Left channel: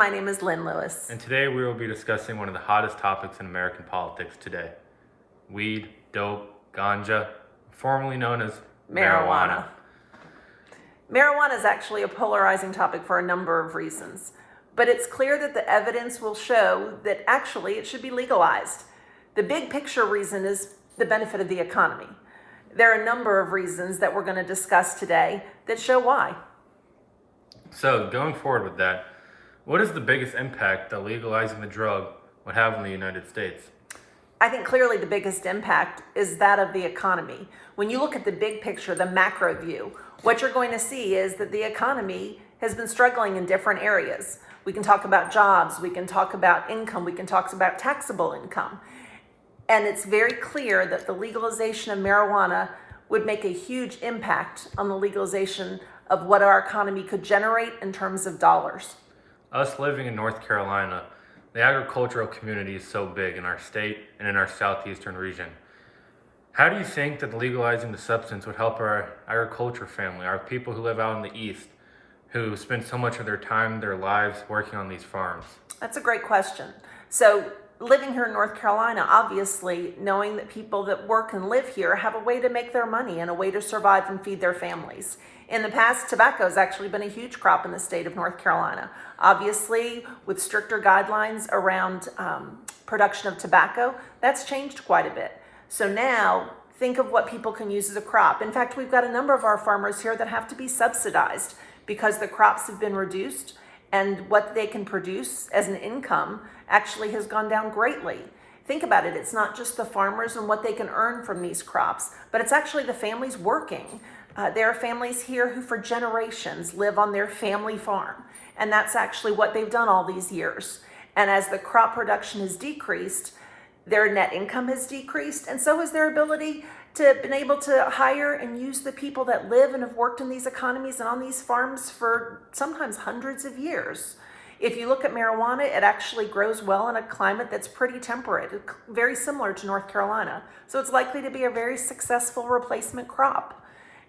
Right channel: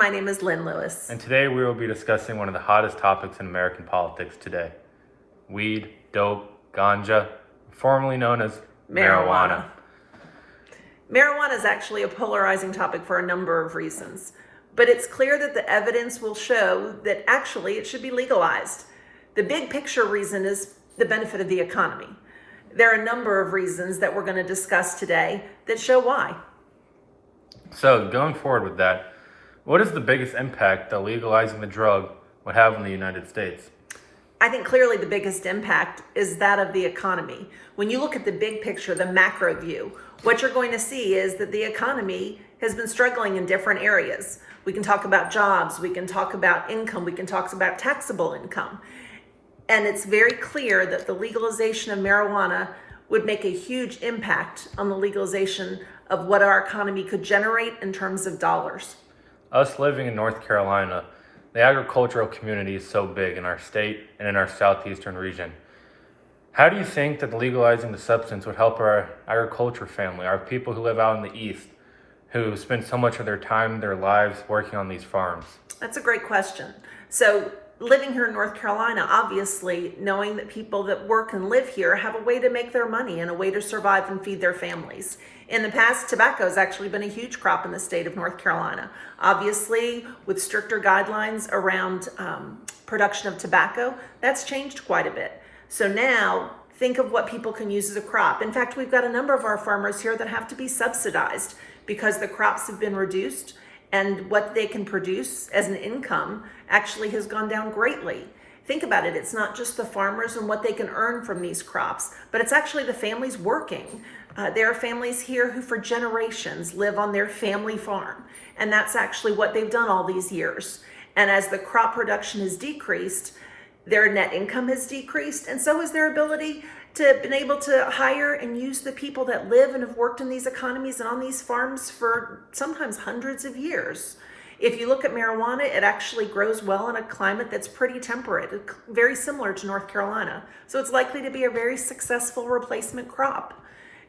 My name is Lynn Lewis. And today we will be discussing one of the hottest topics in American politics today. Weed, dope, ganja, formerly known as marijuana. Marijuana is actually a polarizing topic for a number of reasons, but it's clear that the evidence will show that actually it should be legalized. The big picture reason is the benefit of the economy. There are a number of reasons that we're going to discuss today that show why. So going forward with that, what is the biggest impact that legalizing the drug would have in the United States? I think clearly the biggest impact is that of the economy. When you look at the big picture, the macro view, what you're going to see is that the economy has been struggling in different areas. We can talk about jobs, we can talk about income, we can talk about taxable income. And it's very clear that the legalization of marijuana would make a huge impact on the legalization of what our economy could generate in terms of dollars. Us living in North Carolina, the agricultural community is so big in our state and in our southeastern region. How do you think that legalizing the substance would help our agriculture family, our people who live out in the east, who spend so much of their time, their lives working on these farms? That's a great question. So living here in North Carolina, obviously knowing that people that work and live here have a way to make their money and a way to survive and feed their families. In the past, tobacco has actually been a huge crop in the state of North Carolina. Obviously, with stricter guidelines around production of tobacco, that's changed quite a bit. So now, think of what people can use as a crop. In fact, we've got a number of our farmers here that have to be subsidized because the crops have been reduced and what they can produce as an income actually has gone down greatly. Think about it, it's not just the farmers and what they can earn from these crops, but it's actually the families working. There are families here who for generations live on their family farm, and that's actually what they've done all these years. And as the crop production has decreased, their net income has decreased, and so has their ability to been able to hire and use the people that live and have worked in these economies and on these farms for sometimes hundreds of years. If you look at marijuana, it actually grows well in a climate that's pretty temperate, very similar to North Carolina. So it's likely to be a very successful replacement crop.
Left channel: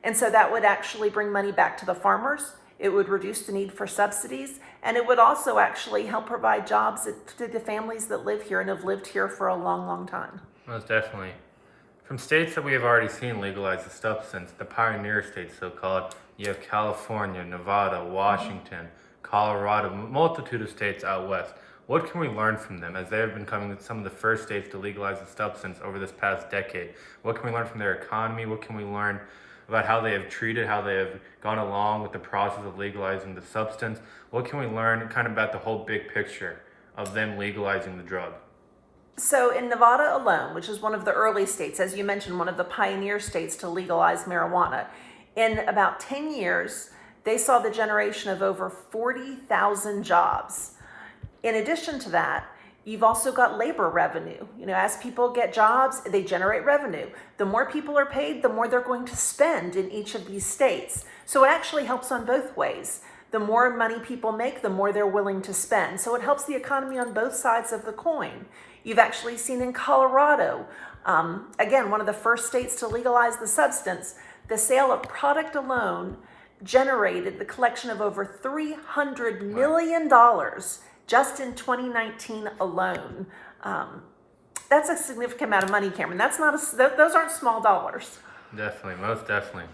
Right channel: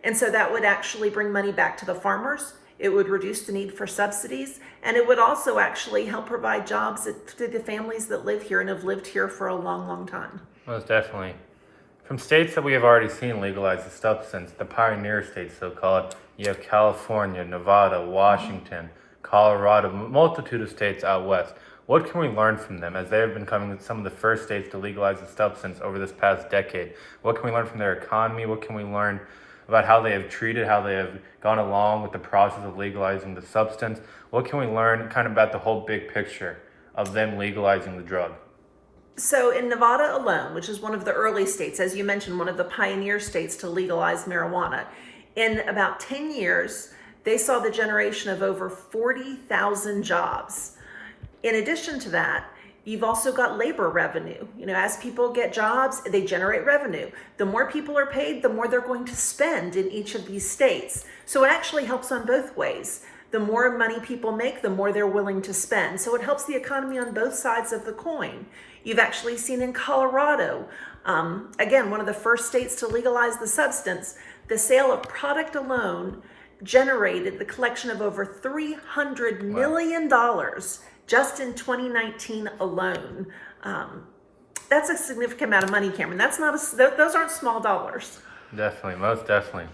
And so that would actually bring money back to the farmers. It would reduce the need for subsidies, and it would also actually help provide jobs to the families that live here and have lived here for a long, long time. Most definitely. From states that we have already seen legalize the substance, the pioneer states so-called, you have California, Nevada, Washington, Colorado, a multitude of states out west. What can we learn from them as they have been becoming some of the first states to legalize the substance over this past decade? What can we learn from their economy? What can we learn about how they have treated, how they have gone along with the process of legalizing the substance? What can we learn kind of about the whole big picture of them legalizing the drug? So in Nevada alone, which is one of the early states, as you mentioned, one of the pioneer states to legalize marijuana, in about 10 years, they saw the generation of over 40,000 jobs. In addition to that, you've also got labor revenue. You know, as people get jobs, they generate revenue. The more people are paid, the more they're going to spend in each of these states. So it actually helps on both ways. The more money people make, the more they're willing to spend. So it helps the economy on both sides of the coin. You've actually seen in Colorado, again, one of the first states to legalize the substance, the sale of product alone generated the collection of over $300 million just in 2019 alone. That's a significant amount of money, Cameron. Those aren't small dollars. Definitely, most definitely.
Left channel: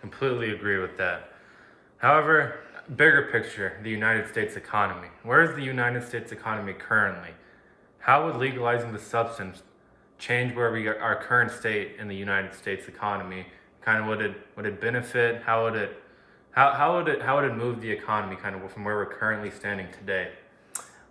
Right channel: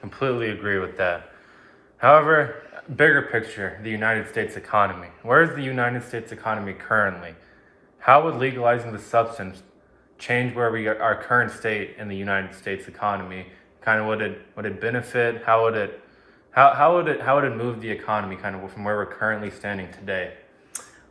Completely agree with that. However, bigger picture, the United States economy. Where is the United States economy currently? How would legalizing the substance change where our current state in the United States economy? Kind of would it benefit? How would it move the economy kind of from where we're currently standing today?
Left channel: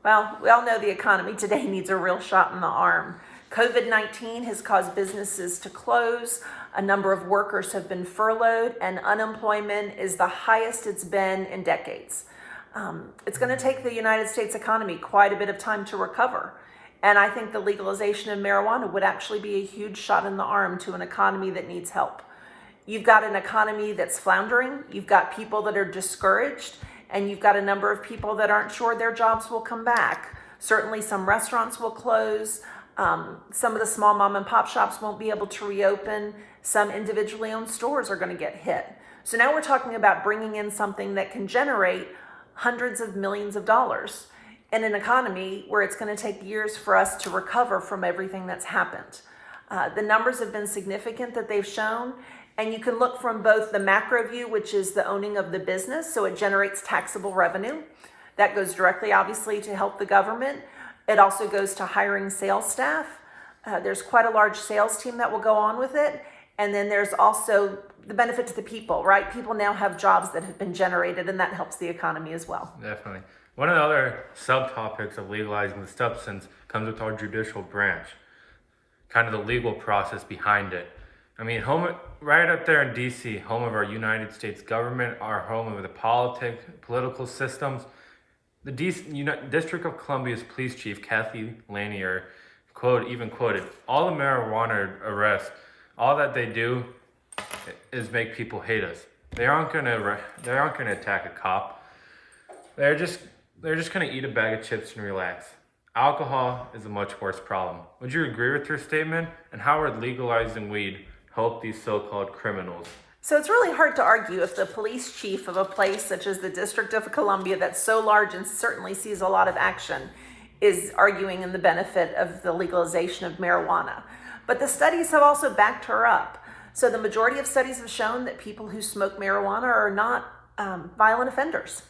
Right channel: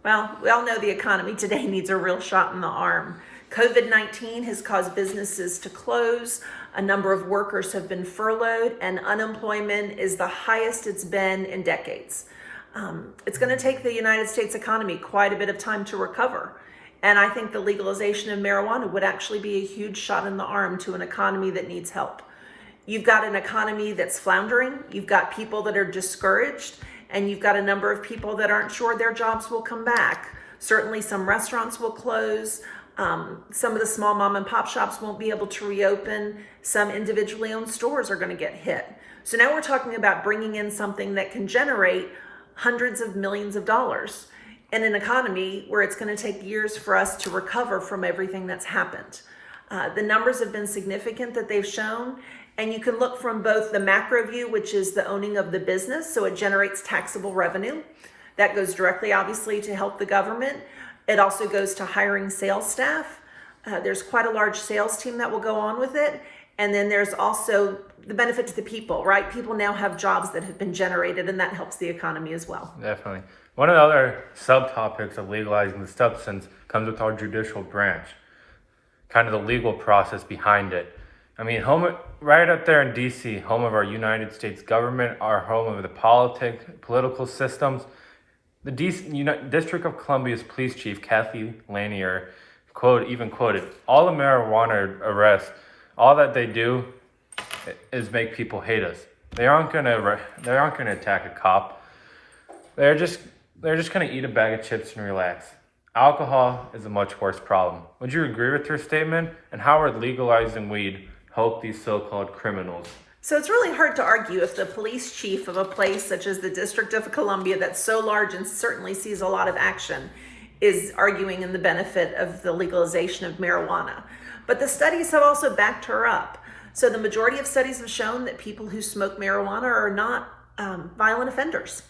Well, we all know the economy today needs a real shot in the arm. COVID-19 has caused businesses to close. A number of workers have been furloughed, and unemployment is the highest it's been in decades. It's going to take the United States economy quite a bit of time to recover. And I think the legalization of marijuana would actually be a huge shot in the arm to an economy that needs help. You've got an economy that's floundering. You've got people that are discouraged, and you've got a number of people that aren't sure their jobs will come back. Certainly some restaurants will close. Some of the small mom and pop shops won't be able to reopen. Some individually owned stores are going to get hit. So now we're talking about bringing in something that can generate hundreds of millions of dollars. in an economy where it's going to take years for us to recover from everything that's happened. The numbers have been significant that they've shown, and you can look from both the macro view, which is the owning of the business, so it generates taxable revenue. That goes directly, obviously, to help the government. It also goes to hiring sales staff. There's quite a large sales team that will go on with it. And then there's also the benefit to the people, right? People now have jobs that have been generated, and that helps the economy as well. Definitely. One of the other subtopics of legalizing the substance comes with our judicial branch, kind of the legal process behind it. I mean, right up there in DC, home of our United States government, our home of the political systems. The District of Columbia's police chief, Kathy Lanier, even quoted, all the marijuana arrests, all that they do is make people hate us. They aren't gonna attack a cop. They're just gonna eat a bag of chips and relax. Alcohol is a much worse problem. Would you agree with her statement? And how would legalizing weed help these so-called criminals? So it's really hard to argue if the police chief of a place such as the District of Columbia, that's so large and certainly sees a lot of action, is arguing in the benefit of the legalization of marijuana. But the studies have also backed her up. So the majority of studies have shown that people who smoke marijuana are not violent offenders.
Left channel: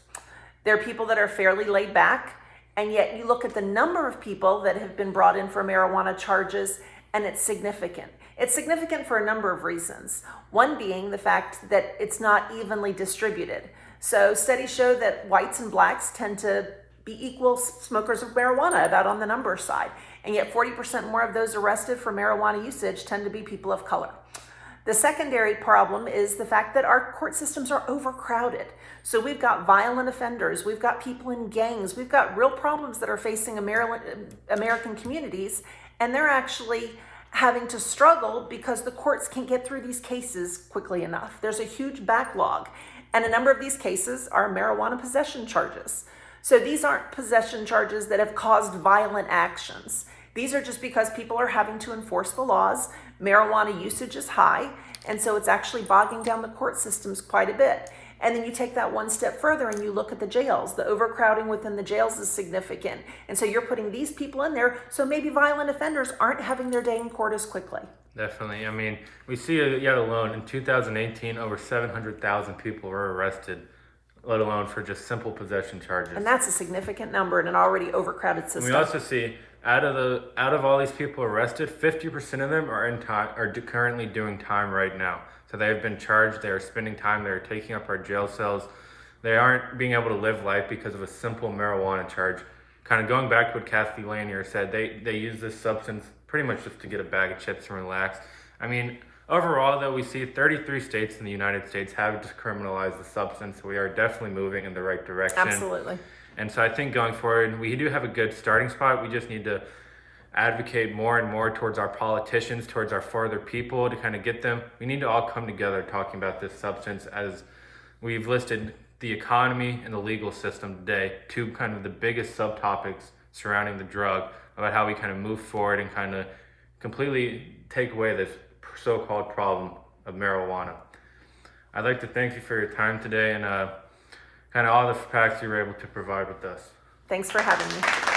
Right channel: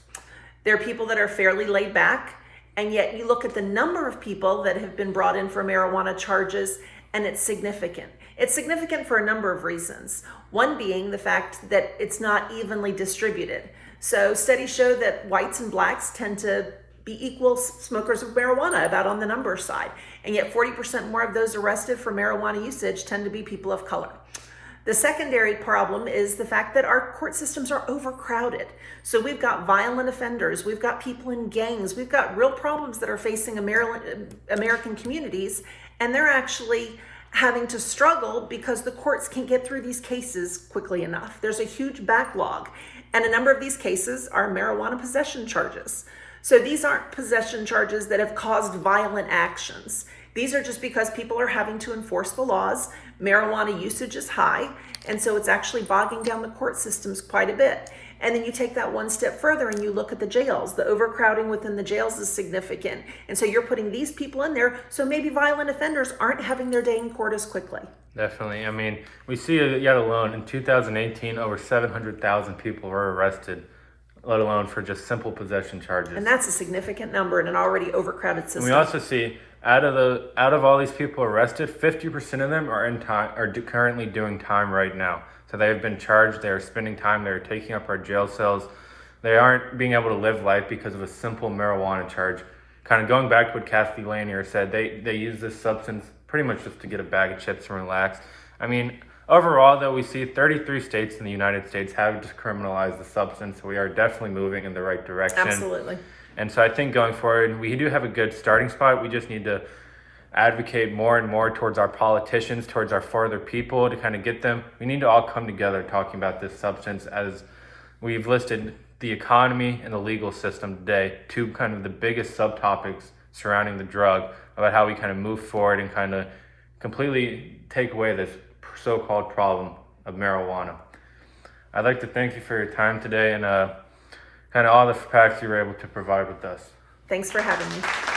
They're people that are fairly laid back, and yet you look at the number of people that have been brought in for marijuana charges, and it's significant. It's significant for a number of reasons. One being the fact that it's not evenly distributed. So studies show that whites and blacks tend to be equal smokers of marijuana, about on the number side. And yet 40% more of those arrested for marijuana usage tend to be people of color. The secondary problem is the fact that our court systems are overcrowded. So we've got violent offenders, we've got people in gangs, we've got real problems that are facing American communities, and they're actually having to struggle because the courts can't get through these cases quickly enough. There's a huge backlog, and a number of these cases are marijuana possession charges. So these aren't possession charges that have caused violent actions. These are just because people are having to enforce the laws. Marijuana usage is high, and so it's actually bogging down the court systems quite a bit. And then you take that one step further and you look at the jails. The overcrowding within the jails is significant. And so you're putting these people in there, so maybe violent offenders aren't having their day in court as quickly. Definitely. I mean, we see yet alone in 2018, over 700,000 people were arrested, let alone for just simple possession charges. And that's a significant number in an already overcrowded system. And we also see out of all these people arrested, 50% of them are currently doing time right now. So they have been charged, they are spending time, they are taking up our jail cells. They aren't being able to live life because of a simple marijuana charge. Kind of going back to what Kathy Lanier said, they use this substance pretty much just to get a bag of chips and relax. I mean, overall though, we see 33 states in the United States have decriminalized the substance, so we are definitely moving in the right direction. Absolutely. And so I think going forward, we do have a good starting spot. We just need to advocate more and more towards our politicians, towards our further people to kind of get them. We need to all come together talking about this substance, as we've listed the economy and the legal system today, two kind of the biggest subtopics surrounding the drug, about how we kind of move forward and kind of completely take away this so-called problem of marijuana. I'd like to thank you for your time today and kind of all the facts you were able to provide with us. Thanks for having me.